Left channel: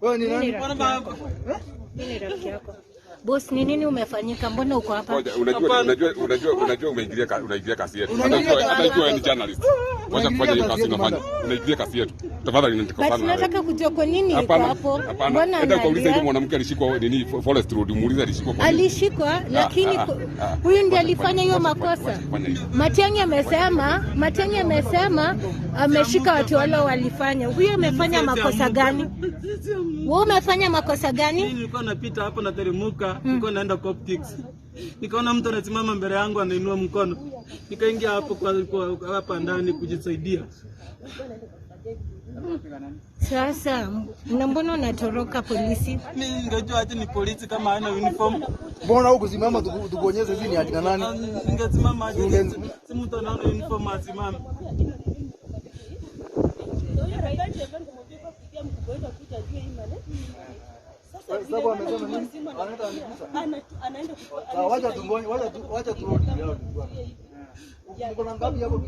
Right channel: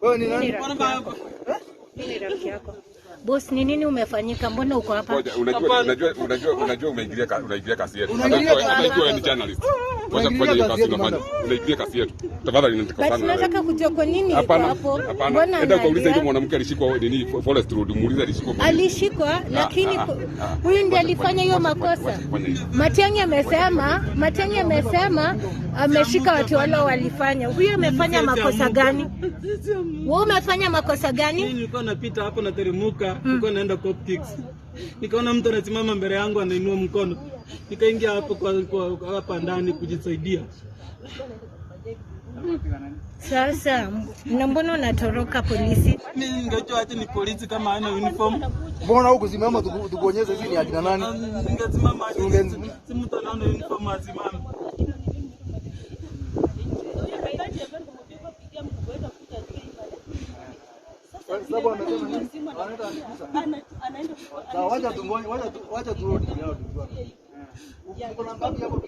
Wewe ni nani? Ni rafiki yako. Boss, ni nini umefanyika? Mbona uko hapa? Unajua unaingilia kasi yetu. Unajua ni journalist. Unaingilia kasi yetu. Tafadhali Basi nataka kujua kwa nini uko hapo. Mbona unauliza hiyo mwanamke alishikwa nini Forest Road, muulize alishikwa. Alishikwa lakini huyu ndiye alifanya hiyo makosa. Matiang'i amesema ameshika watu wale walifanya. Huyu amefanya makosa gani? Wewe umefanya makosa gani? Mimi nilikuwa napita hapo na teremuka, nilikuwa naenda Copkicks. Nikaona mtu anasimama mbele yangu anainua mkono. Nikaingia hapo kwa hapa ndani kujisaidia. Sasa mbona unatoroka polisi? Mimi ningejua ati ni polisi kama hana uniform. Mbona huko simama tukuonyeshe hivi ni akina nani? Ningesimama ati si mtu anaona uniform asimame. Sababu amesema nini? Anaenda wacha tu. Kuna ngapi hapo?